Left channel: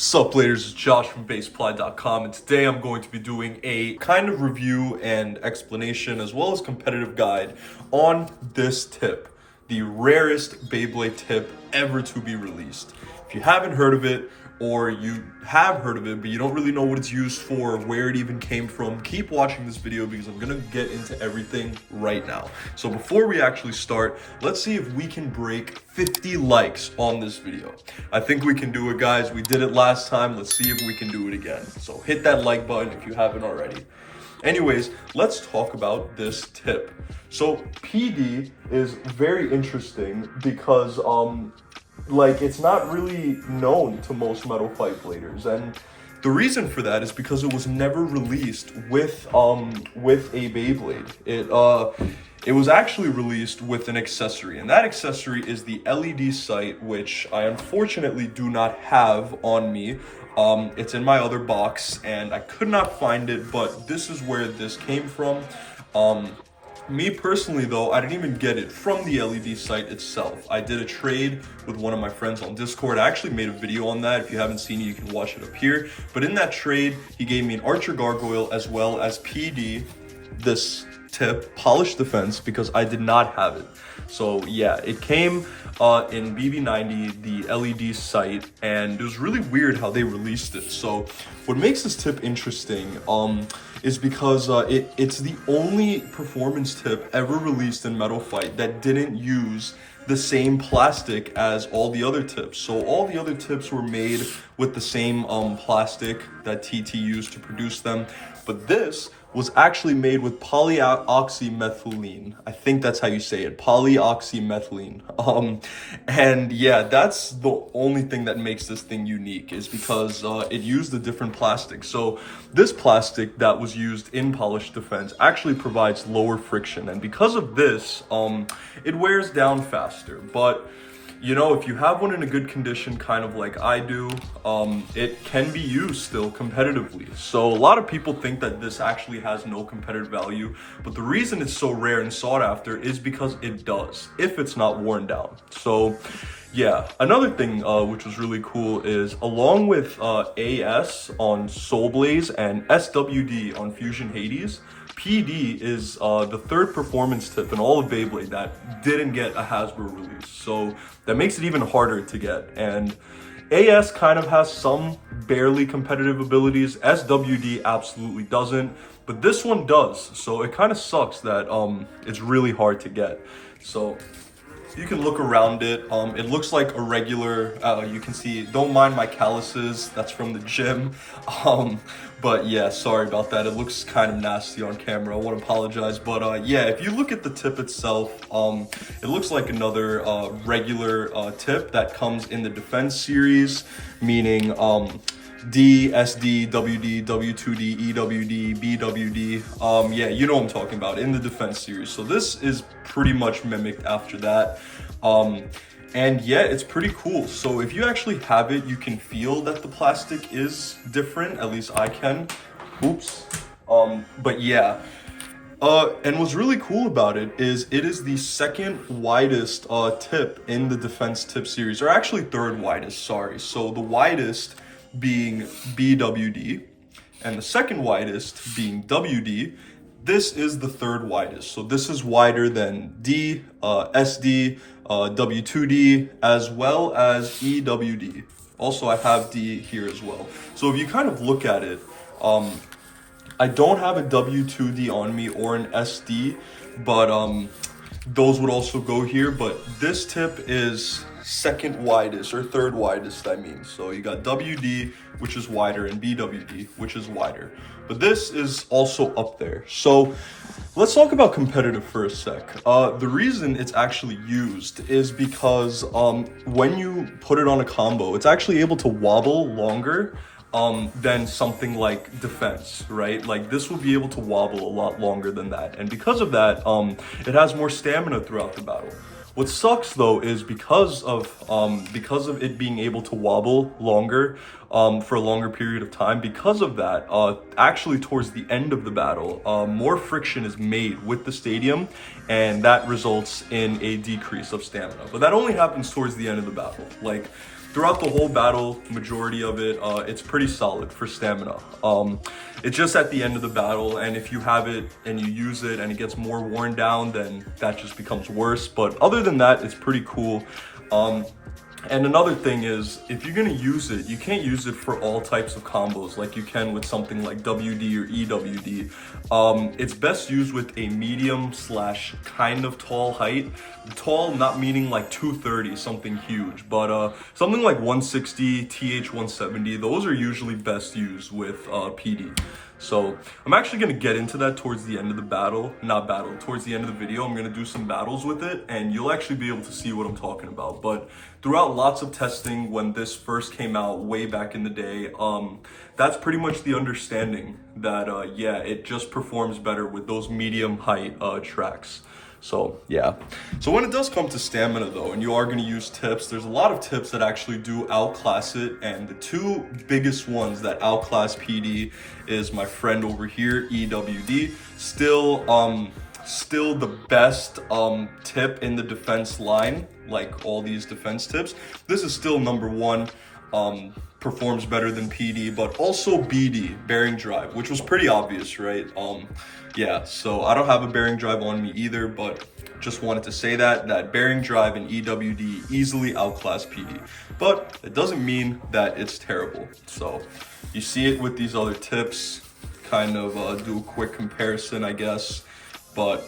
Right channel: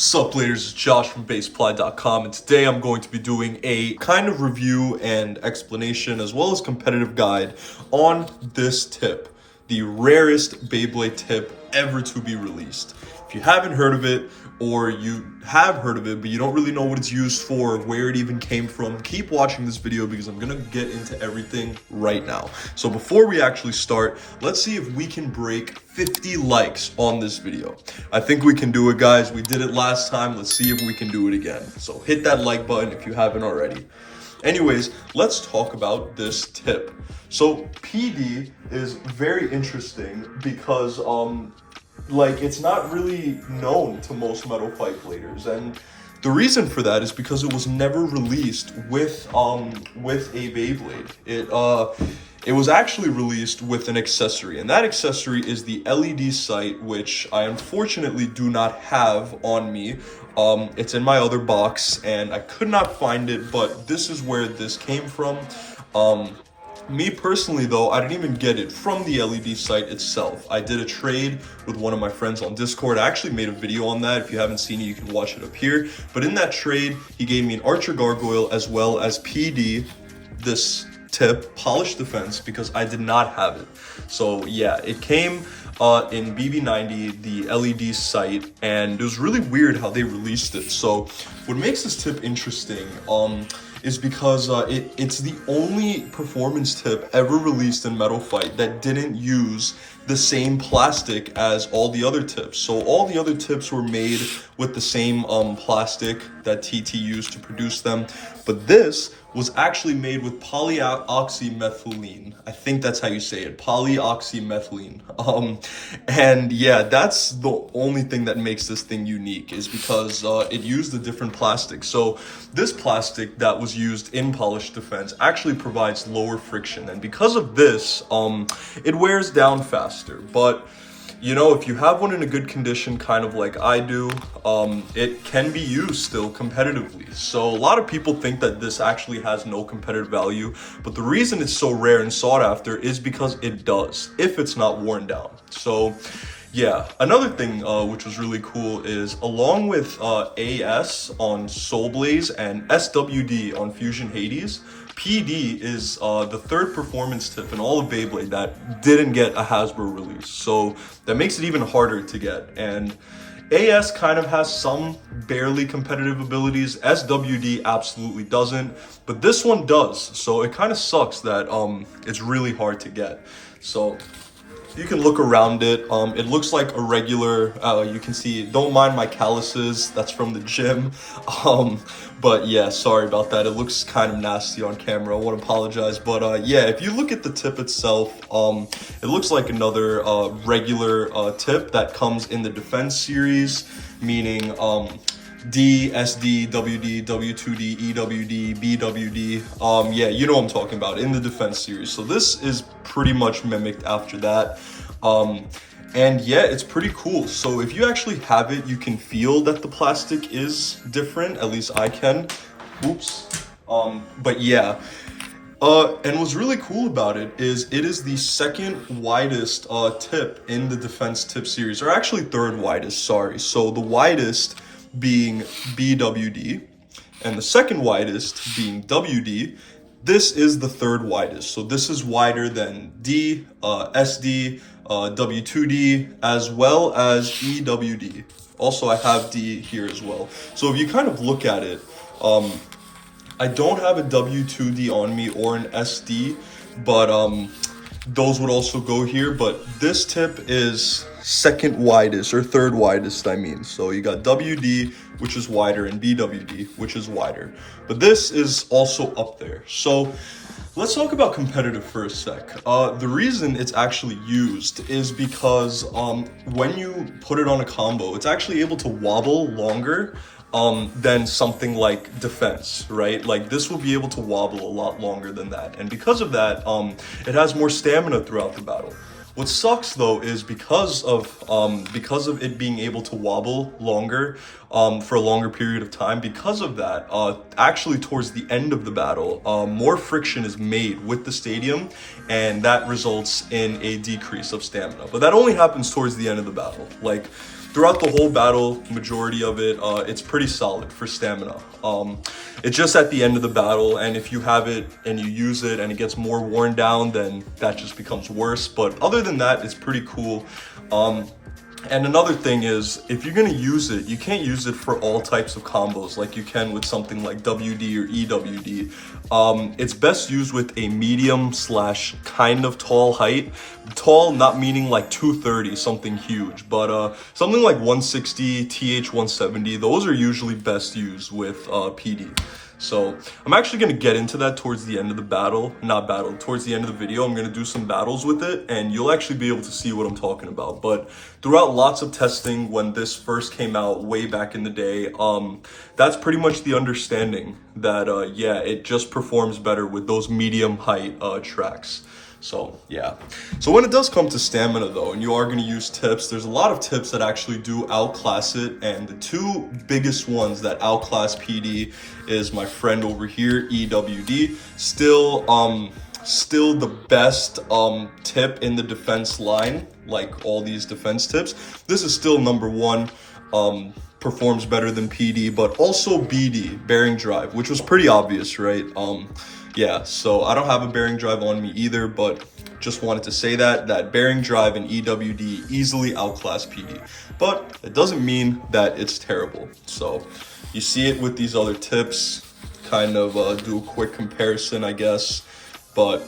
Sup players, it's Josh from Baseply.com, and today I'm going to be doing a kind of review and explanation as well as competitive guide on this tip, the rarest Beyblade tip ever to be released. If you haven't heard of it, or you have heard of it but you don't really know what it's used for, where it even came from, keep watching this video because I'm gonna get into everything right now. So before we actually start, let's see if we can break 50 likes on this video. I think we can do it, guys. We did it last time. Let's see if we can do it again. So hit that like button if you haven't already. Anyways, let's talk about this tip. So PD is very interesting because it's not really known to most Metal Fight Bladers, and the reason for that is because it was never released with a Beyblade. It was actually released with an accessory, and that accessory is the LED sight, which I unfortunately do not have on me. It's in my other box, and I could not find it, but this is where this came from. Me personally, though, I didn't even get it from the LED sight itself. I did a trade with one of my friends on Discord. I actually made a video on that. If you haven't seen it, you can watch it up here. But in that trade, he gave me an Archer Gargoyle as well as PD, this tip, Polished Defense, because I did not have it. So yeah, it came in BB90, the LED sight, and it was really weird how they released it. So what makes this tip interesting is because it's the only performance tip ever released in Metal Fight that didn't use the same plastic as all the other tips. So all the other tips were made with the same plastic that TT used to produce them, but this was actually made with polyoxymethylene. I think that's how you say it, polyoxymethylene. And yeah, that's the only thing that makes this thing unique, is because it used a different plastic. So this plastic that was used in Polished Defense actually provides lower friction, and because of this, it wears down faster. But you know, if you have one in a good condition, kind of like I do, it can be used still competitively. So a lot of people think that this actually has no competitive value, but the reason it's so rare and sought after is because it does, if it's not worn down. So yeah, another thing which was really cool is, along with AS on Soul Blaze and SWD on Fusion Hades, PD is the third performance tip in all of Beyblade that didn't get a Hasbro release. So that makes it even harder to get. And AS kind of has some barely competitive abilities. SWD absolutely doesn't, but this one does. So it kind of sucks that it's really hard to get. So you can look around it. It looks like a regular, you can see, don't mind my calluses, that's from the gym. But yeah, sorry about that. It looks kind of nasty on camera. I want to apologize. But yeah, if you look at the tip itself, it looks like another regular tip that comes in the Defense series, meaning D, SD, WD, W2D, EWD, BWD. Yeah, you know what I'm talking about, in the Defense series. So this is pretty much mimicked after that. And yeah, it's pretty cool. So if you actually have it, you can feel that the plastic is different. At least I can. Oops. But yeah. And what's really cool about it is the second widest tip in the Defense tip series, or actually third widest, sorry. So the widest being BWD, and the second widest being WD. This is the third widest. So this is wider than D, SD, W2D, as well as EWD. Also, I have D here as well. So if you kind of look at it, I don't have a W2D on me or an SD, but those would also go here. But this tip is second widest, or third widest, I mean. So you got WD, which is wider, and BWD, which is wider. But this is also up there. So let's talk about competitive for a sec. The reason it's actually used is because when you put it on a combo, it's actually able to wobble longer than something like Defense, right? Like this will be able to wobble a lot longer than that. And because of that, it has more stamina throughout the battle. What sucks though is because of it being able to wobble longer for a longer period of time, because of that, actually towards the end of the battle, more friction is made with the stadium, and that results in a decrease of stamina. But that only happens towards the end of the battle. Like throughout the whole battle, majority of it, it's pretty solid for stamina. It's just at the end of the battle, and if you have it and you use it and it gets more worn down, then that just becomes worse. But other than that, it's pretty cool. And another thing is, if you're gonna use it, you can't use it for all types of combos like you can with something like WD or EWD. It's best used with a medium / kind of tall height. Tall, not meaning like 230, something huge, but something like 160, TH 170, those are usually best used with PD. So I'm actually gonna get into that towards the end of the towards the end of the video. I'm gonna do some battles with it and you'll actually be able to see what I'm talking about. But throughout lots of testing when this first came out way back in the day, that's pretty much the understanding that, yeah, it just performs better with those medium height tracks. So yeah, so when it does come to stamina though, and you are going to use tips, there's a lot of tips that actually do outclass it, and the two biggest ones that outclass PD is my friend over here, EWD. Still the best tip in the defense line, like all these defense tips. This is still number one. Performs better than PD, but also BD, bearing drive, which was pretty obvious, right? Yeah, so I don't have a bearing drive on me either, but just wanted to say that bearing drive and EWD easily outclass PD, but it doesn't mean that it's terrible. So you see it with these other tips, kind of do a quick comparison, I guess, but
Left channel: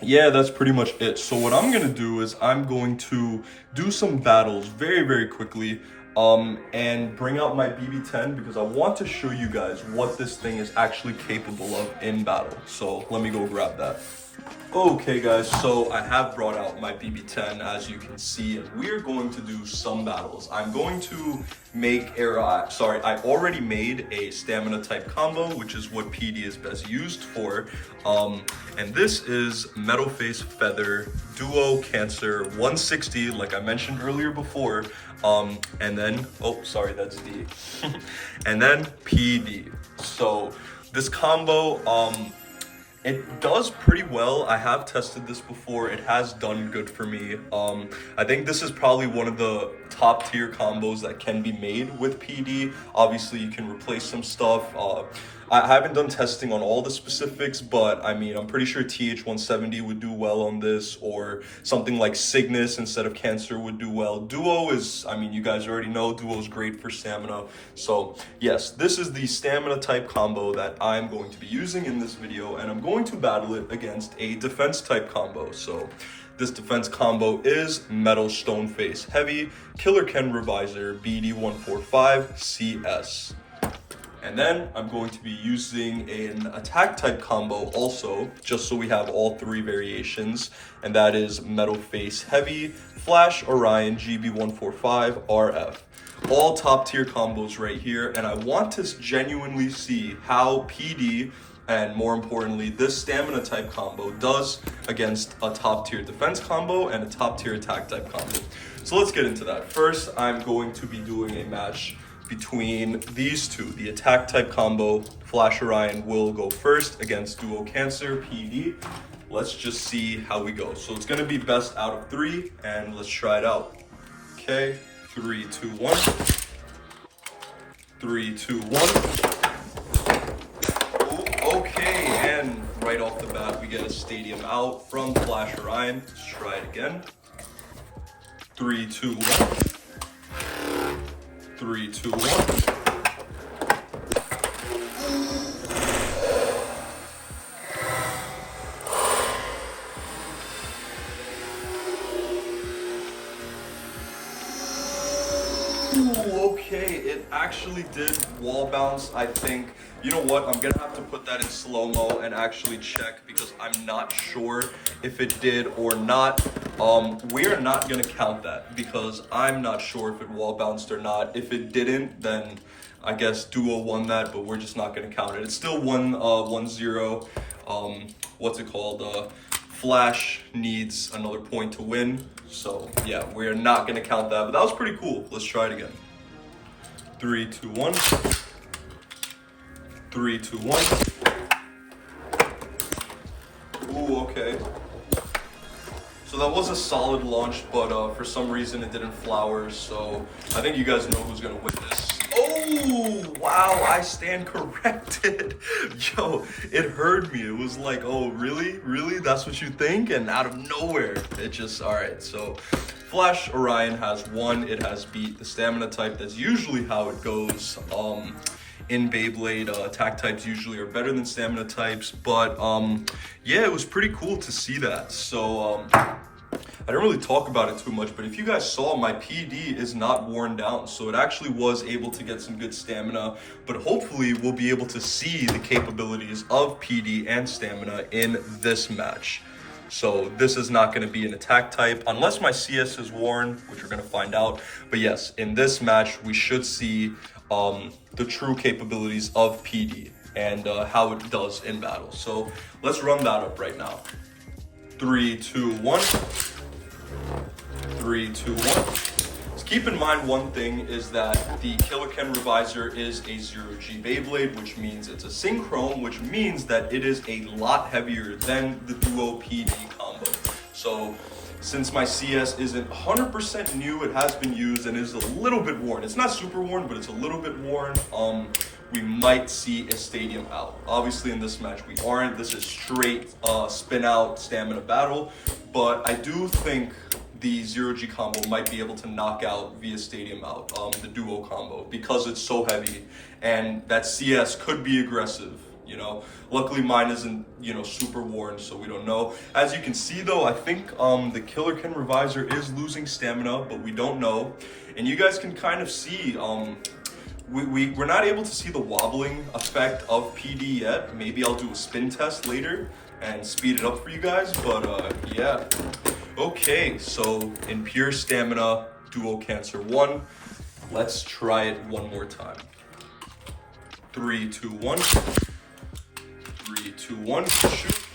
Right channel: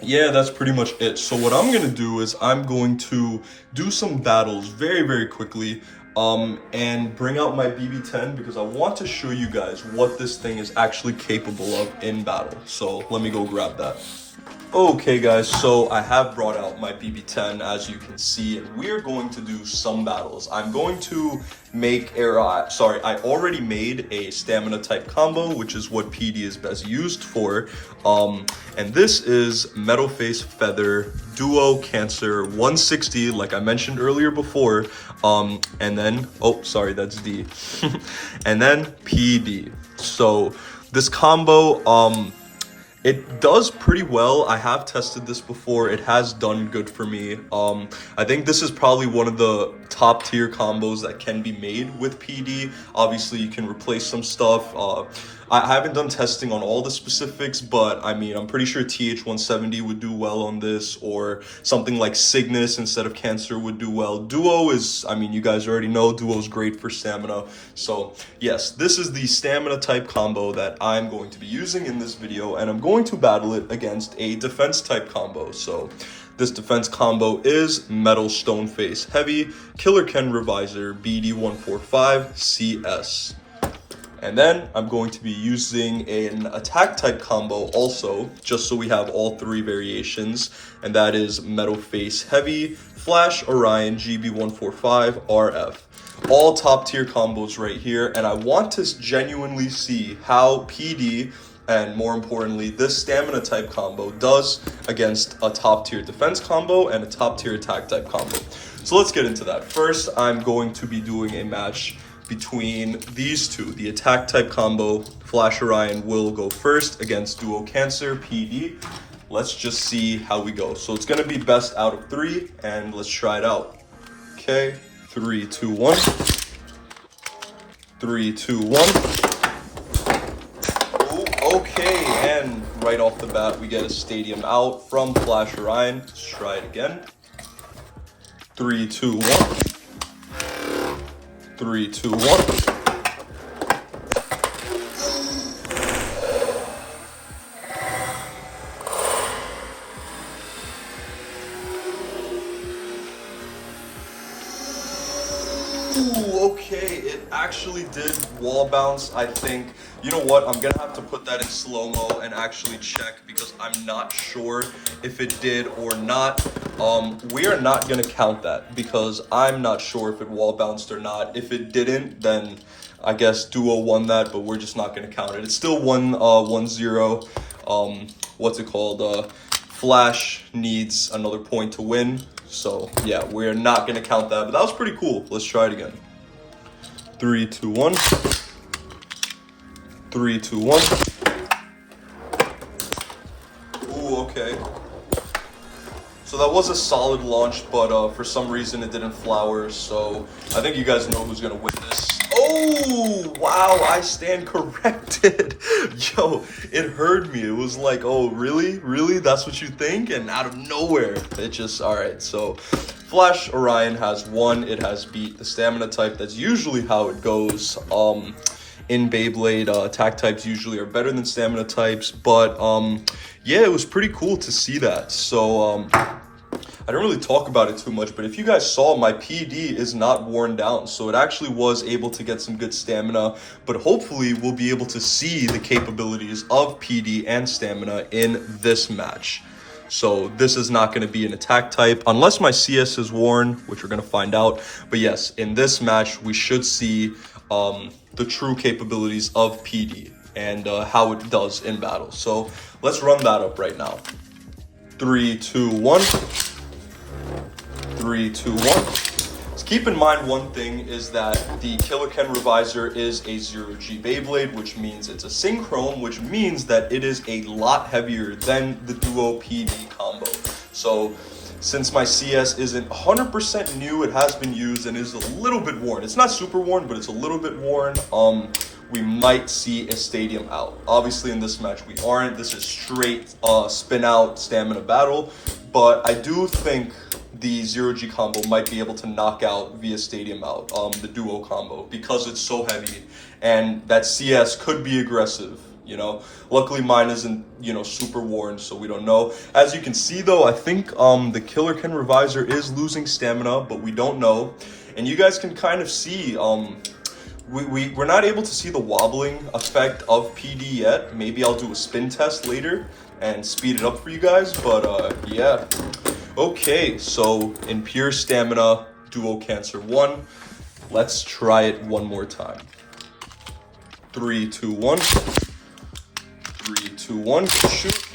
yeah, that's pretty much it. So what I'm gonna do is I'm going to do some battles very, very quickly, and bring out my BB10 because I want to show you guys what this thing is actually capable of in battle. So let me go grab that. Okay guys, so I have brought out my BB10 as you can see, and we're going to do some battles. I'm going to make, I already made a stamina type combo, which is what PD is best used for. And this is Metal Face Feather Duo Cancer 160, like I mentioned earlier before. And then, oh, sorry, that's D. And then PD. So this combo, it does pretty well. I have tested this before. It has done good for me. I think this is probably one of the top tier combos that can be made with PD. Obviously, you can replace some stuff. I haven't done testing on all the specifics, but I mean, I'm pretty sure TH 170 would do well on this, or something like Cygnus instead of Cancer would do well. Duo is, I mean, you guys already know Duo is great for stamina. So yes, this is the stamina type combo that I'm going to be using in this video, and I'm going to battle it against a defense type combo. So this defense combo is Metal Stone Face Heavy Killer Ken Revisor BD145 CS. And then I'm going to be using an attack type combo also, just so we have all three variations, and that is Metal Face Heavy Flash Orion GB145 RF. All top tier combos right here, and I want to genuinely see how PD, and more importantly, this stamina type combo does against a top tier defense combo and a top tier attack type combo. So let's get into that. First, I'm going to be doing a match between these two. The attack type combo, Flash Orion will go first against Duo Cancer PD. Let's just see how we go. So it's gonna be best out of 3, and let's try it out. Okay, 3, 2, 1. 3, 2, 1. Ooh, okay, and right off the bat, we get a stadium out from Flash Orion. Let's try it again. 3, 2, 1. 3, 2, 1. Ooh, okay, it actually did wall bounce, I think. You know what, I'm gonna have to put that in slow-mo and actually check because I'm not sure if it did or not. We are not gonna count that because I'm not sure if it wall bounced or not. If it didn't, then I guess Duo won that, but we're just not gonna count it. It's still 1-0. What's it called? Flash needs another point to win. So yeah, we're not gonna count that, but that was pretty cool. Let's try it again. 3, 2, 1. 3, 2, 1. Ooh, okay. So that was a solid launch, but for some reason it didn't flower. So I think you guys know who's gonna win this. Oh, wow, I stand corrected. Yo, it heard me. It was like, oh, really? Really? That's what you think? And out of nowhere, it just, all right. So Flash Orion has won. It has beat the stamina type. That's usually how it goes. In Beyblade, attack types usually are better than stamina types, but yeah, it was pretty cool to see that. So I don't really talk about it too much, but if you guys saw, my PD is not worn down, so it actually was able to get some good stamina, but hopefully we'll be able to see the capabilities of PD and stamina in this match. So this is not going to be an attack type unless my CS is worn, which we're going to find out. But yes, in this match, we should see the true capabilities of PD and how it does in battle. So let's run that up right now. 3, 2, 1. 3, 2, 1. Just keep in mind one thing is that the Killer Ken Revisor is a 0G Beyblade, which means it's a Synchrome, which means that it is a lot heavier than the Duo PD combo. So since my CS isn't 100% new, it has been used and is a little bit worn. It's not super worn, but it's a little bit worn. We might see a stadium out. Obviously in this match we aren't. This is straight spin out stamina battle, but I do think the 0G combo might be able to knock out via stadium out the duo combo because it's so heavy, and that CS could be aggressive. You know, luckily mine isn't, you know, super worn, so we don't know. As you can see though, I think the Killer Ken Revisor is losing stamina, but we don't know. And you guys can kind of see, we're not able to see the wobbling effect of PD yet. Maybe I'll do a spin test later and speed it up for you guys, but yeah. Okay, so in pure stamina, Duo Cancer 1. Let's try it one more time. 3, 2, 1. 3, 2, 1, shoot.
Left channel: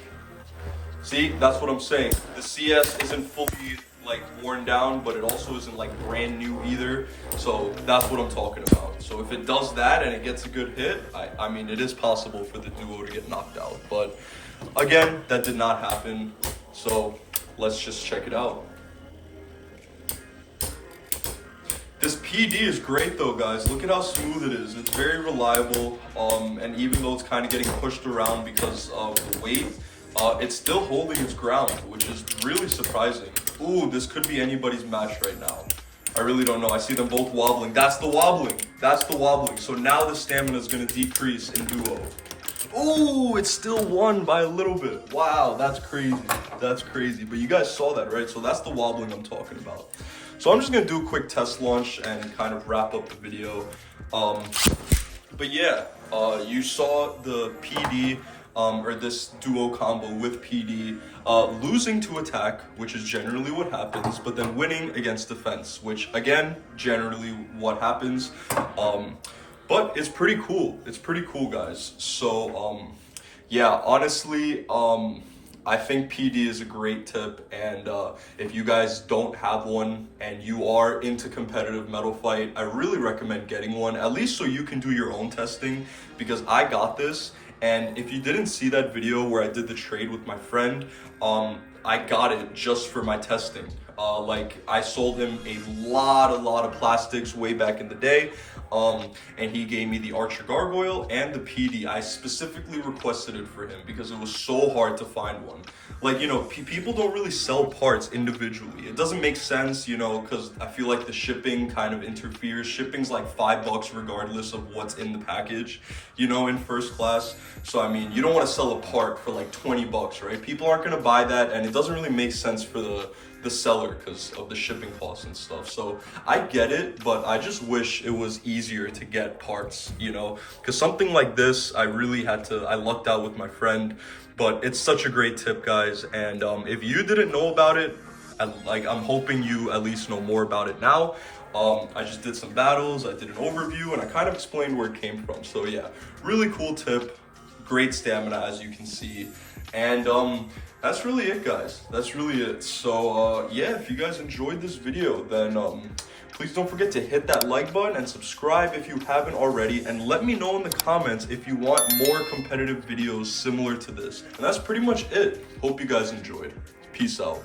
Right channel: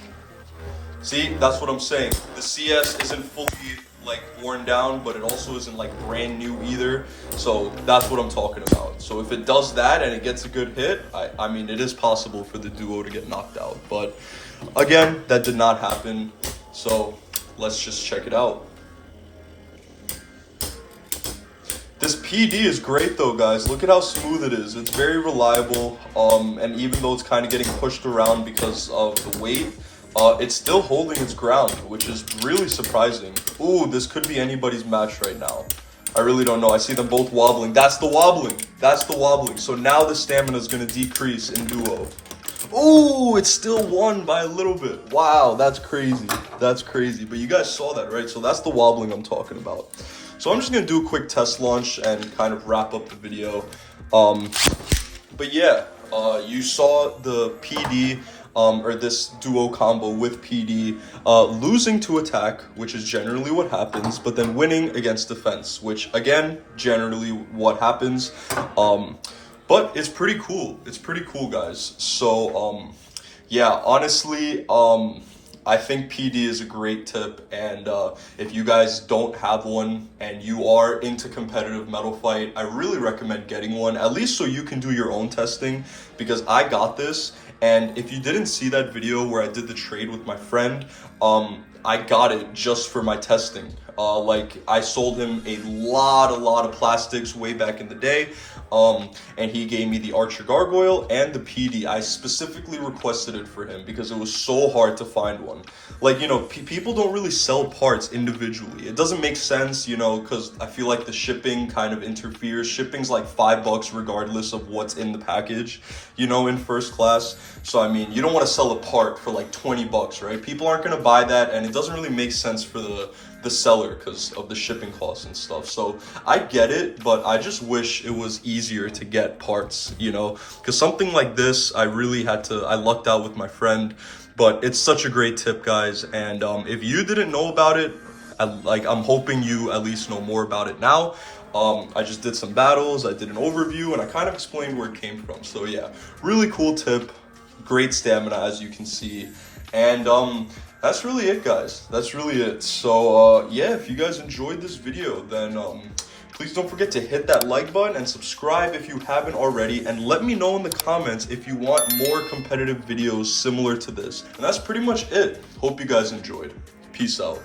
See, that's what I'm saying. The CS isn't fully like worn down, but it also isn't like brand new either. So that's what I'm talking about. So if it does that and it gets a good hit, I mean, it is possible for the Duo to get knocked out. But again, that did not happen. So let's just check it out. This PD is great though, guys. Look at how smooth it is. It's very reliable, and even though it's kind of getting pushed around because of the weight, it's still holding its ground, which is really surprising. Ooh, this could be anybody's match right now. I really don't know. I see them both wobbling. That's the wobbling. That's the wobbling. So now the stamina is going to decrease in Duo. Ooh, it's still won by a little bit. Wow, that's crazy. That's crazy. But you guys saw that, right? So that's the wobbling I'm talking about. So I'm just going to do a quick test launch and kind of wrap up the video. But yeah, you saw the PD, or this Duo combo with PD, losing to attack, which is generally what happens, but then winning against defense, which again, generally what happens. But it's pretty cool. It's pretty cool, guys. So, yeah, honestly, I think PD is a great tip. And if you guys don't have one and you are into competitive Metal Fight, I really recommend getting one, at least so you can do your own testing, because I got this. And if you didn't see that video where I did the trade with my friend, I got it just for my testing. Like, I sold him a lot of plastics way back in the day, and he gave me the Archer Gargoyle and the PD. I specifically requested it for him because it was so hard to find one. Like, you know, people don't really sell parts individually. It doesn't make sense, you know, because I feel like the shipping kind of interferes. Shipping's like $5 regardless of what's in the package, you know, in first class. So, I mean, you don't want to sell a part for like $20, right? People aren't going to buy that, and it doesn't really make sense for the seller because of the shipping costs and stuff. So I get it, but I just wish it was easier to get parts, you know, because something like this, I lucked out with my friend. But it's such a great tip, guys, and if you didn't know about it, I'm hoping you at least know more about it now. I just did some battles, I did an overview, and I kind of explained where it came from. So yeah, really cool tip, great stamina as you can see, and that's really it, guys. That's really it. So yeah, if you guys enjoyed this video, then please don't forget to hit that like button and subscribe if you haven't already, and let me know in the comments if you want more competitive videos similar to this. And that's pretty much it. Hope you guys enjoyed. Peace out.